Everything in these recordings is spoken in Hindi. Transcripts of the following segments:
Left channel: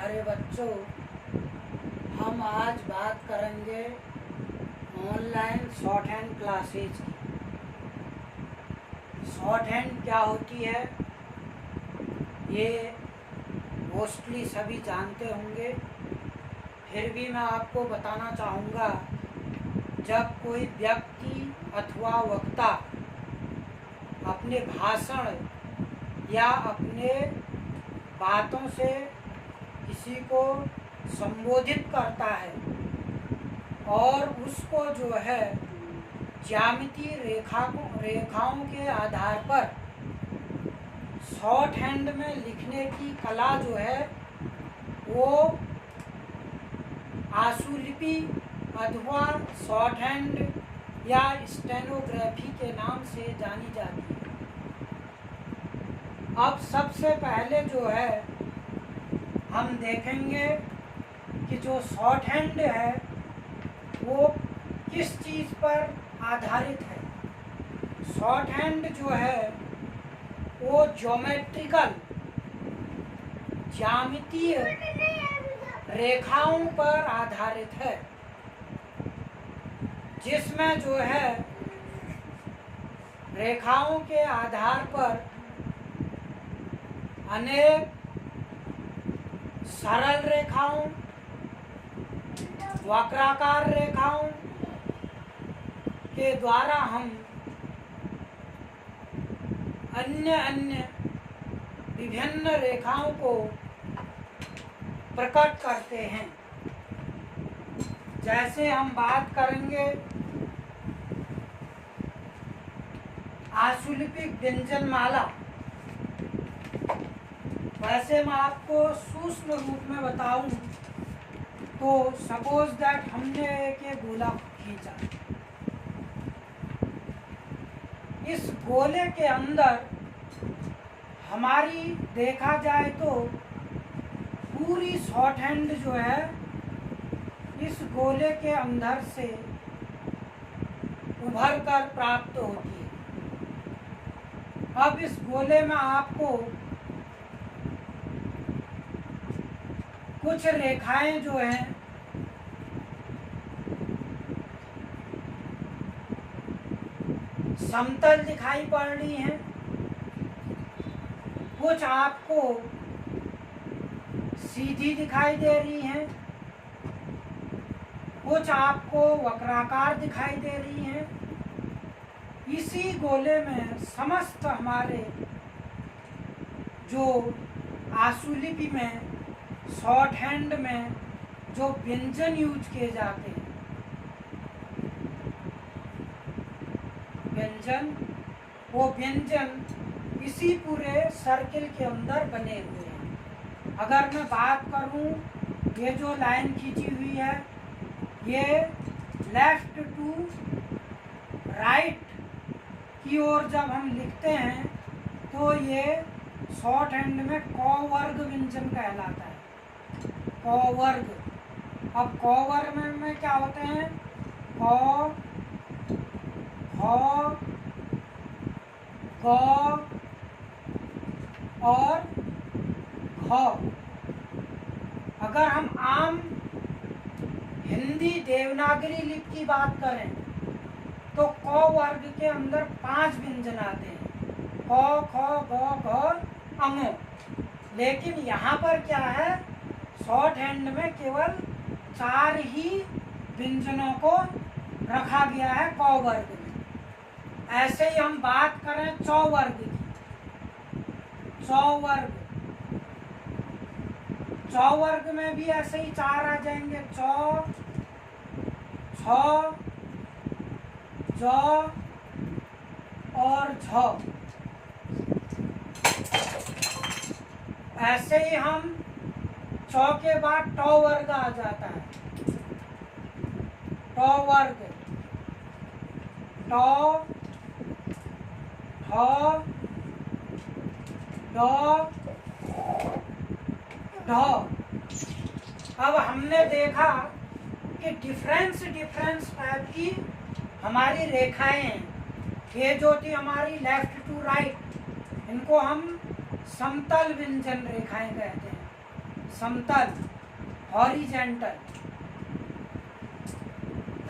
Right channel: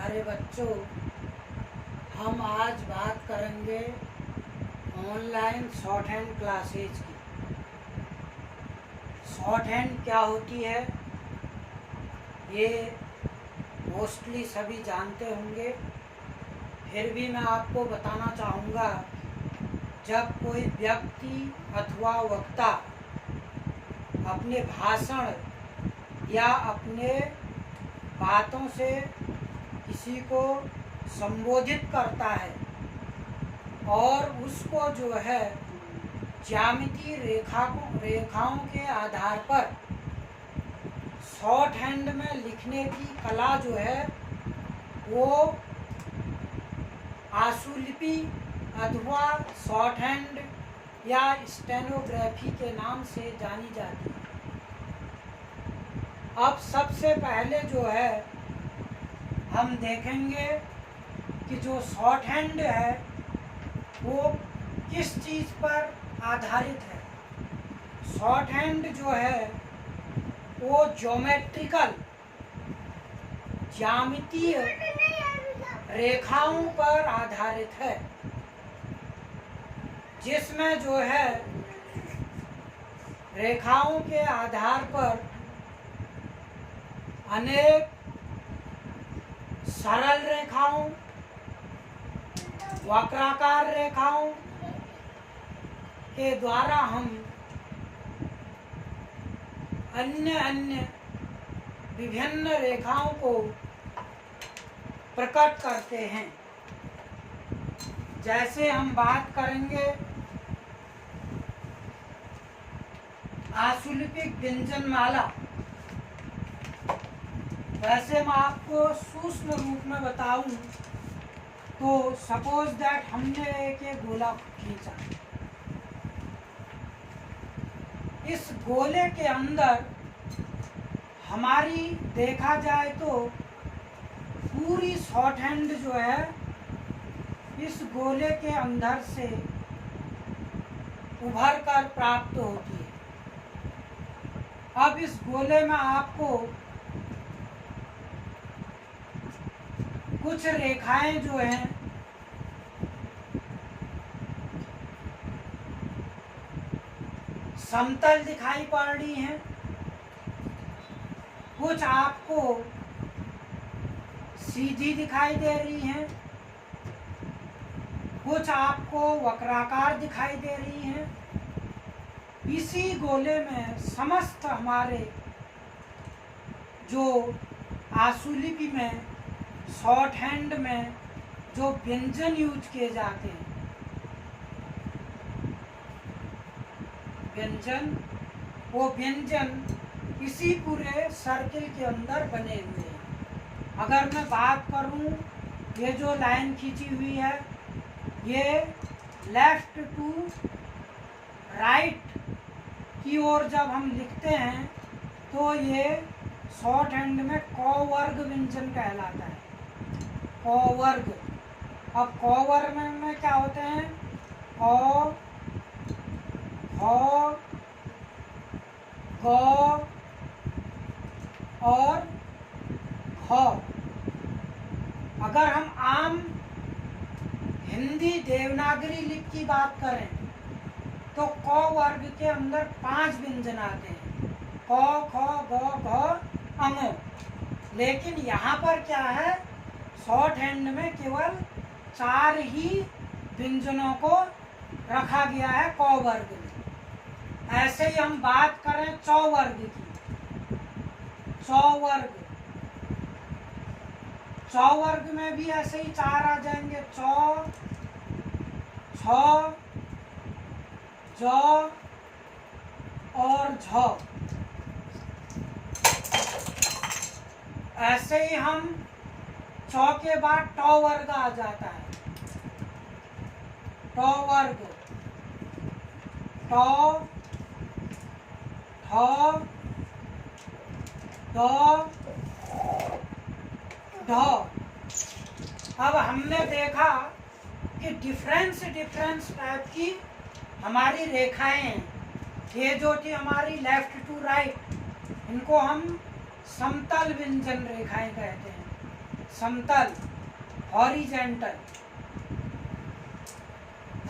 प्यारे बच्चों, हम आज बात करेंगे ऑनलाइन शॉर्ट हैंड क्लासेज की। शॉर्ट हैंड क्या होती है ये मोस्टली सभी जानते होंगे, फिर भी मैं आपको बताना चाहूँगा। जब कोई व्यक्ति अथवा वक्ता अपने भाषण या अपने बातों से किसी को संबोधित करता है और उसको जो है ज्यामितीय रेखाओं के आधार पर शॉर्ट हैंड में लिखने की कला जो है वो आशुलिपि अथवा शॉर्ट हैंड या स्टेनोग्राफी के नाम से जानी जाती है। अब सबसे पहले जो है हम देखेंगे कि जो शॉर्ट हैंड है वो किस चीज़ पर आधारित है। शॉर्ट हैंड जो है वो ज्योमेट्रिकल ज्यामितीय रेखाओं पर आधारित है, जिसमें जो है रेखाओं के आधार पर अनेक सरल रेखाओं, वक्राकार रेखाओं के द्वारा हम अन्य विभिन्न रेखाओं को प्रकट करते हैं। जैसे हम बात करेंगे आशुलिपिक व्यंजनमाला। वैसे मैं आपको सूक्ष्म रूप में बताऊं तो सपोज दैट हमने एक गोला खींचा। इस गोले के अंदर हमारी देखा जाए तो पूरी शॉर्ट हैंड जो है इस गोले के अंदर से उभर कर प्राप्त होती है। अब इस गोले में आपको कुछ रेखाएं जो हैं समतल दिखाई पड़ रही हैं, कुछ आपको सीधी दिखाई दे रही हैं, कुछ आपको वक्राकार दिखाई दे रही हैं। इसी गोले में समस्त हमारे जो आशुलिपि में शॉर्ट हैंड में जो व्यंजन यूज किए जाते हैं, वो व्यंजन इसी पूरे सर्किल के अंदर बने हुए हैं। अगर मैं बात करूं, ये जो लाइन खींची हुई है ये लेफ्ट टू राइट की ओर जब हम लिखते हैं तो ये शॉर्ट हैंड में क वर्ग व्यंजन कहलाता है। क वर्ग। अब क वर्ग में क्या होते हैं? क, ख, ग और घ। अगर हम आम हिंदी देवनागरी लिपि की बात करें तो क वर्ग के अंदर 5 व्यंजन आते हैं, क, ख, ग, घ, अंग। लेकिन यहाँ पर क्या है, शॉर्ट हैंड में केवल 4 ही व्यंजनों को रखा गया है क वर्ग में। ऐसे ही हम बात करें च वर्ग की। च वर्ग, च वर्ग में भी ऐसे ही 4 आ जाएंगे, च, छ, ज और झ। ऐसे ही हम च के बाद ट वर्ग आ जाता है। ट वर्ग, ट, ठ, ड, ढ। अब हमने देखा कि डिफरेंस टाइप की हमारी रेखाएं हैं। ये जो थी हमारी लेफ्ट टू राइट, इनको हम समतल व्यंजन रेखाएं कहते हैं। समतल, हॉरिजेंटल।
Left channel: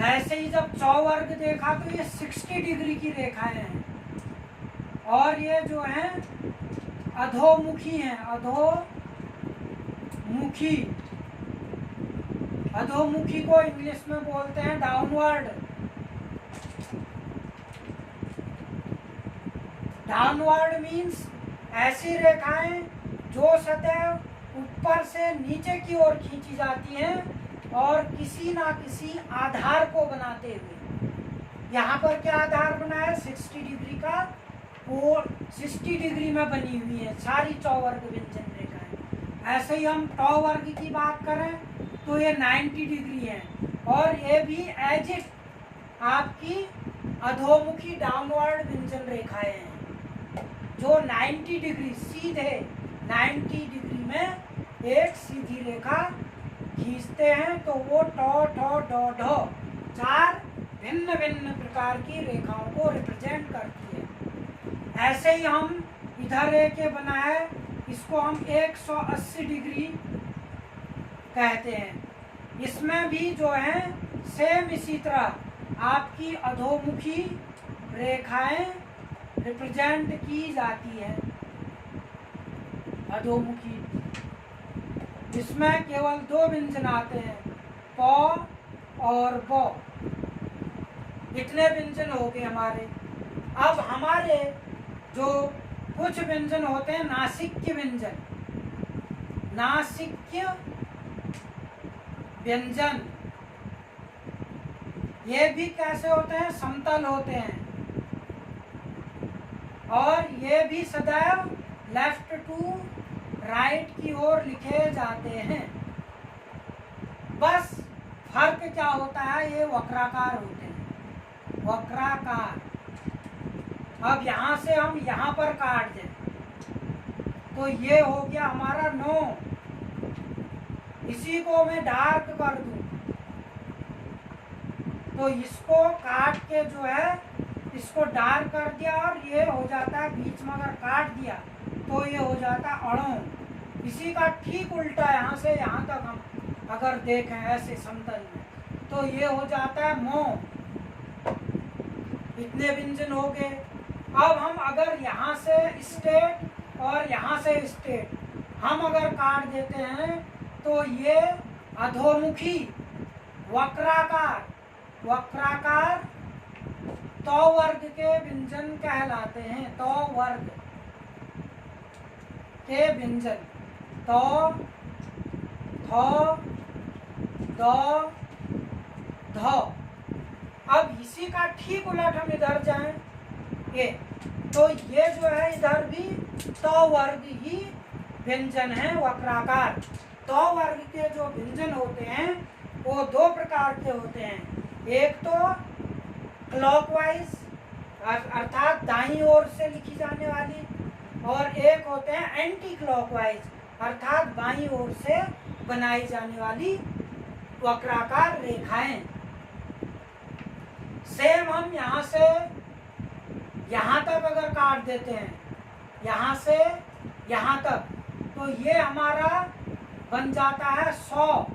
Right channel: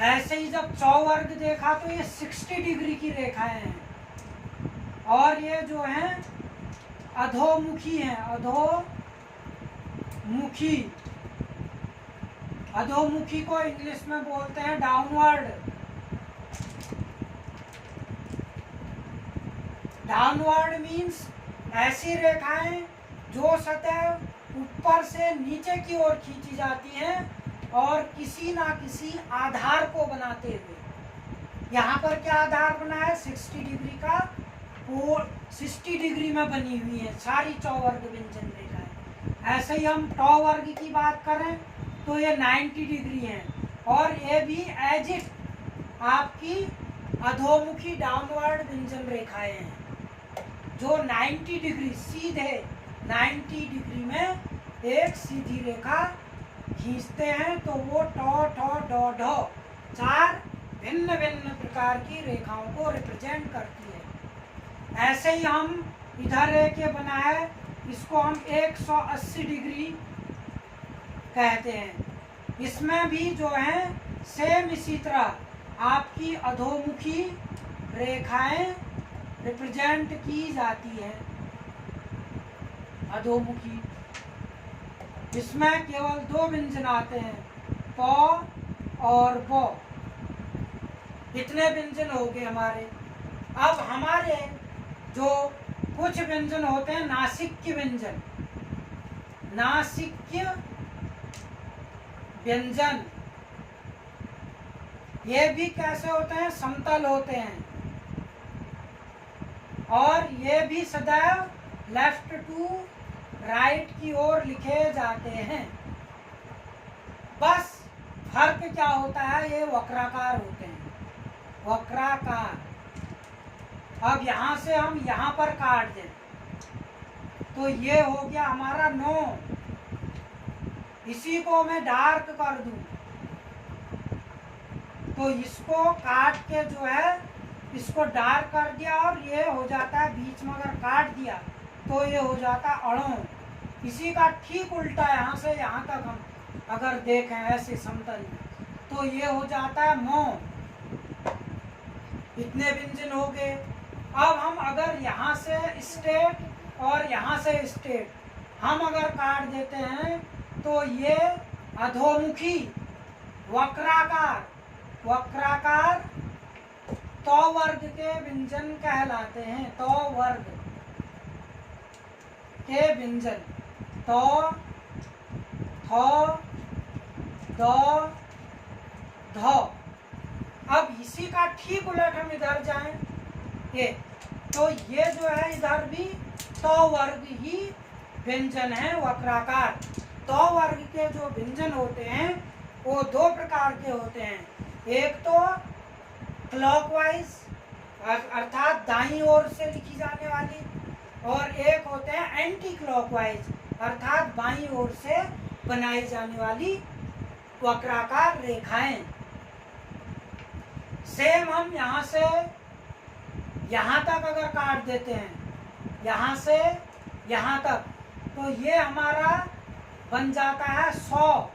ऐसे ही जब चौवर्ग देखा तो ये 60 डिग्री की रेखाएं हैं, और ये जो है अधोमुखी हैं, अधोमुखी। अधोमुखी को इंग्लिश में बोलते हैं डाउनवर्ड। डाउनवर्ड मीन्स ऐसी रेखाएं जो सतह ऊपर से नीचे की ओर खींची जाती हैं और किसी ना किसी आधार को बनाते हुए। यहाँ पर क्या आधार बना है? 60 डिग्री का, और 60 डिग्री में बनी हुई है सारी चौवर्ग व्यंजन रेखाएं। ऐसे ही हम टॉ वर्ग की बात करें तो ये 90 डिग्री है, और ये भी एज इट आपकी अधोमुखी डाउनवर्ड व्यंजन रेखाएं हैं जो 90 डिग्री सीधे 90 डिग्री में एक सीधी रेखा खींचते हैं, तो वो टॉ ठॉ डॉ ढो 4 भिन्न भिन्न प्रकार की रेखाओं को रिप्रेजेंट करती है। ऐसे ही हम इधर एक ये बना है, इसको हम 180 डिग्री कहते हैं। इसमें भी जो है सेम इसी तरह आपकी अधोमुखी रेखाएं रिप्रेजेंट की जाती है। अधोमुखी, इसमें केवल 2 व्यंजन आते हैं, प और ब। इतने व्यंजन हो गए हमारे। अब हमारे जो कुछ व्यंजन होते हैं नासिक्य व्यंजन, नासिक्य व्यंजन, ये भी कैसे होते हैं? समतल होते हैं, और ये भी सदैव लेफ्ट टू राइट की ओर लिखे जाते हैं। बस फर्क क्या होता है? ये वक्राकार होते हैं, वक्राकार। अब यहाँ से हम यहाँ पर काट दें तो ये हो गया हमारा 9। इसी को मैं डार्क कर दूं तो इसको काट के जो है इसको डार्क कर दिया, और ये हो जाता है, बीच में अगर काट दिया तो ये हो जाता है अड़ों। इसी का ठीक उल्टा यहाँ से यहाँ तक हम अगर देखें ऐसे समतल में तो ये हो जाता है मो। इतने व्यंजन हो गए। अब हम अगर यहाँ से स्टेट और यहाँ से स्टेट हम अगर काट देते हैं तो ये अधोमुखी वक्राकार, वक्राकार तौ वर्ग के व्यंजन कहलाते हैं। तौ वर्ग के व्यंजन, तौ, थौ, दौ, धौ। अब इसी का ठीक उलट हम इधर जाएं, ये तो ये जो है इधर भी तौ वर्ग ही व्यंजन है, वक्राकार। तौ वर्ग के जो व्यंजन होते हैं वो 2 प्रकार के होते हैं। एक तो क्लॉकवाइज अर्थात दाईं ओर से लिखी जाने वाली, और एक होते हैं एंटी क्लॉकवाइज अर्थात बाईं ओर से बनाई जाने वाली वक्राकार रेखाएं। सेम हम यहाँ से यहाँ तक अगर काट देते हैं, यहाँ से यहाँ तक, तो ये हमारा बन जाता है 100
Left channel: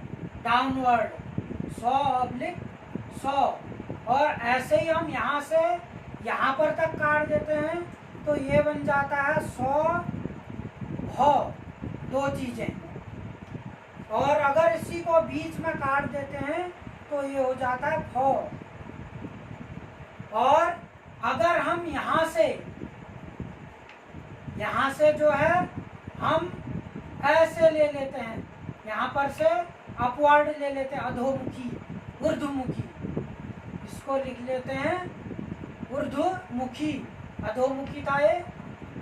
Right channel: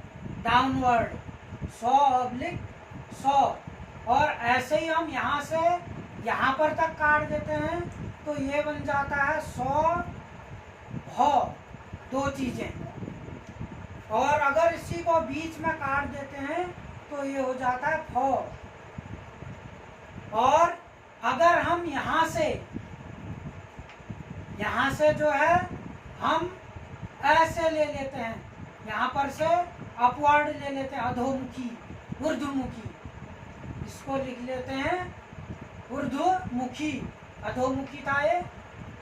डाउनवर्ड, 100/100। और ऐसे ही हम यहाँ से यहाँ पर तक काट देते हैं तो ये बन जाता है 100 भौ, 2 चीजें। और अगर इसी को बीच में काट देते हैं तो ये हो जाता है भौ। और अगर हम यहाँ से जो है हम ऐसे ले लेते हैं, यहाँ पर से अपवर्ड ले लेते हैं, अधोमुखी, ऊर्ध्वमुखी, इसको लिख लेते हैं ऊर्ध्वमुखी। अधोमुखी का ये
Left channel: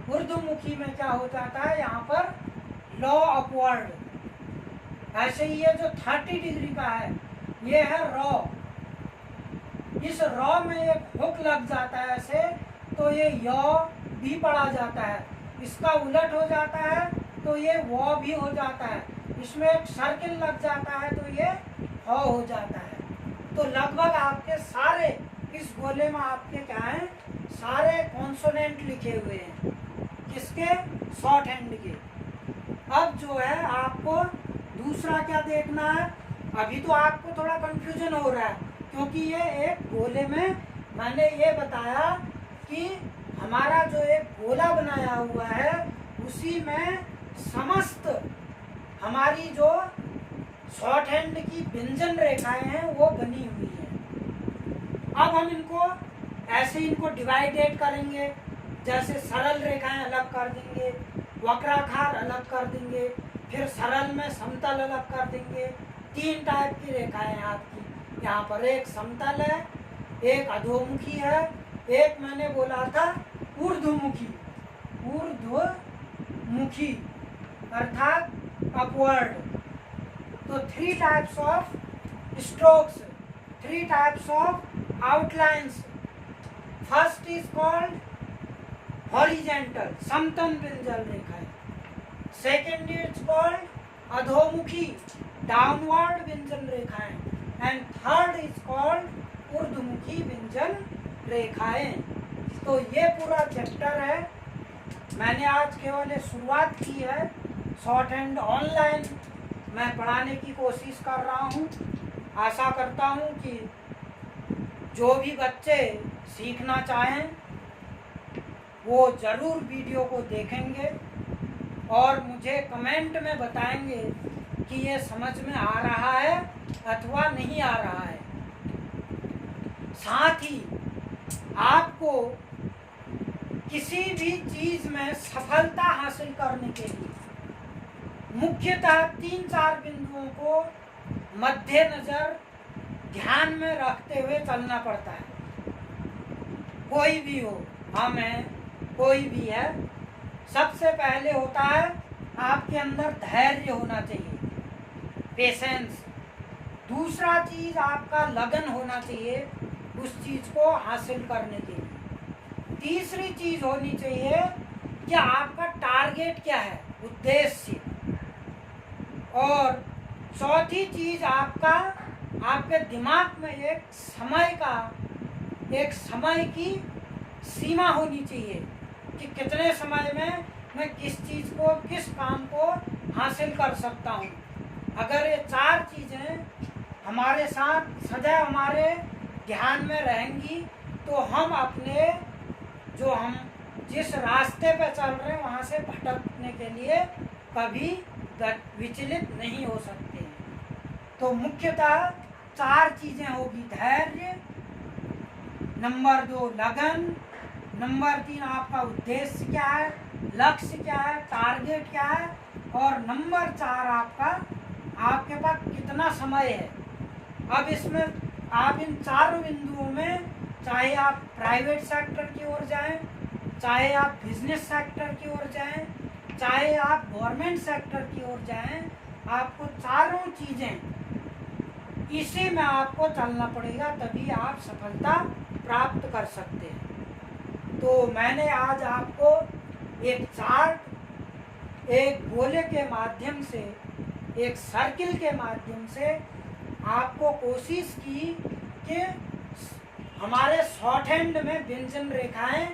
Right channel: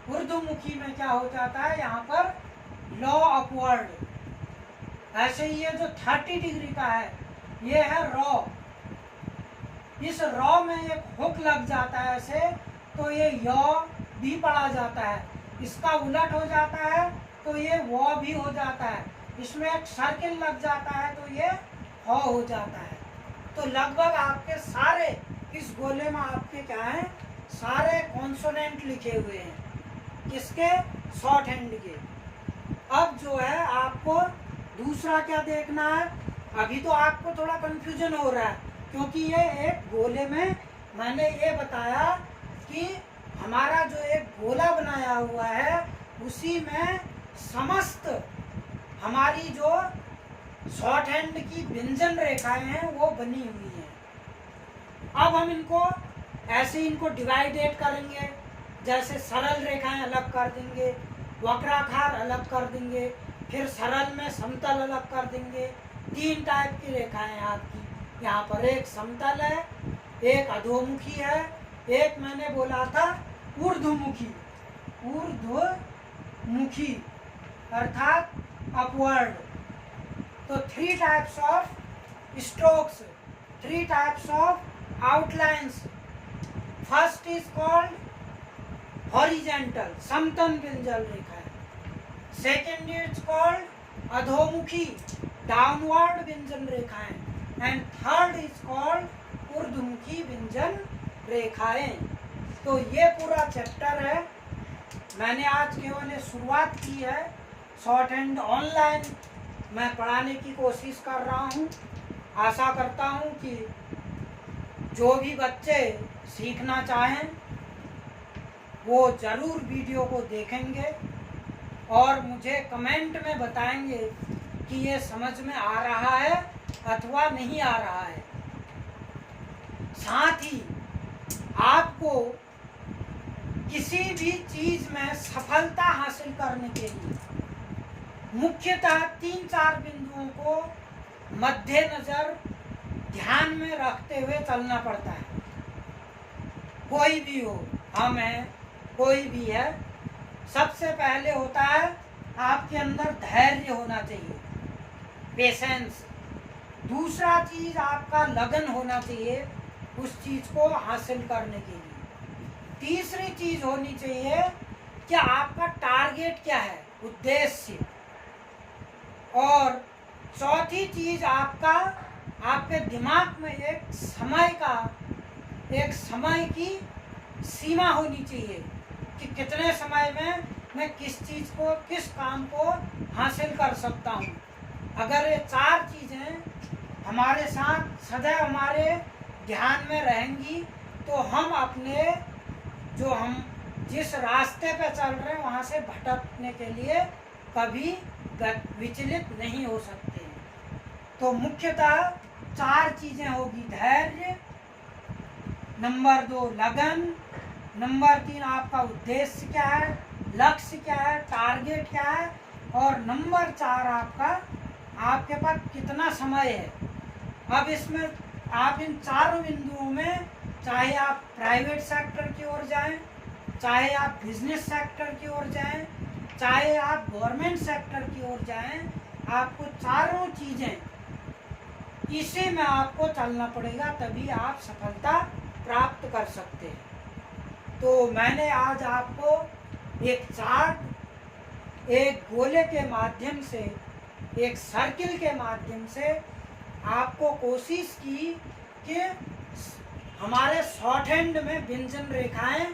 ऊर्ध्वमुखी में क्या हो जाता है, यहाँ पर लॉ अपवर्ड। ऐसे ही ये जो 30 डिग्री का है ये है रॉ। इस रॉ में एक हुक लग जाता है ऐसे, तो ये यौ भी पढ़ा जाता है। इसका उलट हो जाता है तो ये वो भी हो जाता है। इसमें एक सर्किल लग जाता है तो ये हो जाता है। तो लगभग आपके सारे इस गोले में आपके क्या है, सारे कॉन्सोनेंट लिखे हुए हैं, किसके, शॉर्ट हैंड के। अब जो है आपको दूसरा क्या देखना है, अभी तो आपको थोड़ा कंफ्यूजन हो रहा है क्योंकि ये एक गोले में मैंने ये बताया कि हमारा जो एक गोला बनाया हुआ है उसी में समस्त हमारी जो शॉर्ट हैंड की व्यंजन रेखाएं हैं वो बनी हुई हैं। अब हम इनको ऐसे इनको डिवाइडेड करेंगे, जैसे सरल रेखाएं अलग कर देंगे, वक्राकार अलग कर देंगे, फिर सरल में समतल अलग कर देंगे। 3 टाइप की रेखाएं हैं आपकी। यहाँ पर एक समतल है, एक अधोमुखी है, एक मैंने बोला था ऊर्ध्वमुखी, ऊर्ध्वमुखी अर्थात अपवर्ड। तो 3 types of strokes, 3 types of outlines. First is called horizontal, समतल व्यंजन रेखा है। सेकेंड इज कॉल्ड अधोमुखी, डाउनवर्ड व्यंजन रेखाएं। एंड थर्ड इज कॉल्ड ऊर्ध्वमुखी व्यंजन रेखाएं। तो ये पूरा चैप्टर है, मैंने आज केवल शुरुआत की है। शॉर्ट हैंड ऑनलाइन मैं पढ़ाने की कोशिश कर रहा हूँ। आशा करता हूँ कि जो भी बच्चे सीखना चाहें वो ज़रूर वीडियो को देखेंगे और मुझे कमेंट में बताएंगे कि ये समझ में आ रहा है अथवा नहीं आ रहा है। साथ ही आपको किसी भी चीज़ में सफलता हासिल करने के लिए मुख्यतः 3-4 बिंदुओं को मद्देनजर ध्यान में रखते हुए चलना पड़ता है। कोई भी हो, हम हैं, कोई भी है, सबसे पहले होता है आपके अंदर धैर्य होना चाहिए, पेशेंस। दूसरा चीज आपका लगन होना चाहिए उस चीज को हासिल करने के लिए। तीसरी चीज होनी चाहिए कि आपका टारगेट क्या है, उद्देश्य। और चौथी चीज आपके दिमाग में एक समय की सीमा होनी चाहिए कि कितने समय में मैं किस चीज को, किस काम को हासिल कर सकता हूँ। अगर ये 4 चीजें हमारे साथ सदैव हमारे ध्यान में रहेंगी तो हम जिस रास्ते पे चल रहे हैं वहाँ से भटकने के लिए कभी विचलित नहीं हो सकते। तो मुख्यतः 4 चीजें होगी, धैर्य, नंबर 2 लगन, नंबर 3 आपका उद्देश्य क्या है, लक्ष्य क्या है, टारगेट क्या है, और नंबर 4 आपके पास कितना समय है। अब इसमें आप इन 4 बिंदुओं में, चाहे आप प्राइवेट सेक्टर की ओर जाएं, चाहे आप बिजनेस सेक्टर की ओर जाएं, चाहे आप गवर्नमेंट सेक्टर की ओर जाएं, आपको चारों चीजें इसी में आपको चलना पड़ेगा, तभी आप सफलता प्राप्त कर सकते हैं। तो मैंने आज आपको एक चार्ट, एक गोले के माध्यम से, एक सर्किल के माध्यम से आपको कोशिश की कि हमारे शॉर्ट हैंड में व्यंजन रेखाएं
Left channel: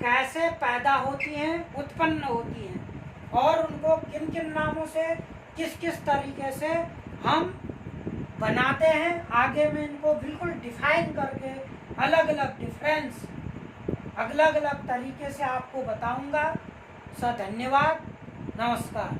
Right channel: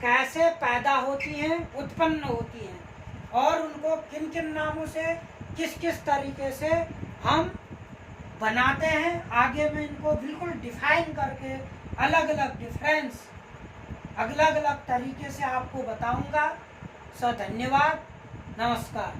कैसे पैदा होती हैं, उत्पन्न होती हैं, और उनको किन किन नामों से, किस किस तरीके से हम बनाते हैं। आगे मैं इनको बिल्कुल डिफाइन करके अलग अलग डिफरेंस, अलग अलग तरीके से आपको बताऊंगा। धन्यवाद, नमस्कार।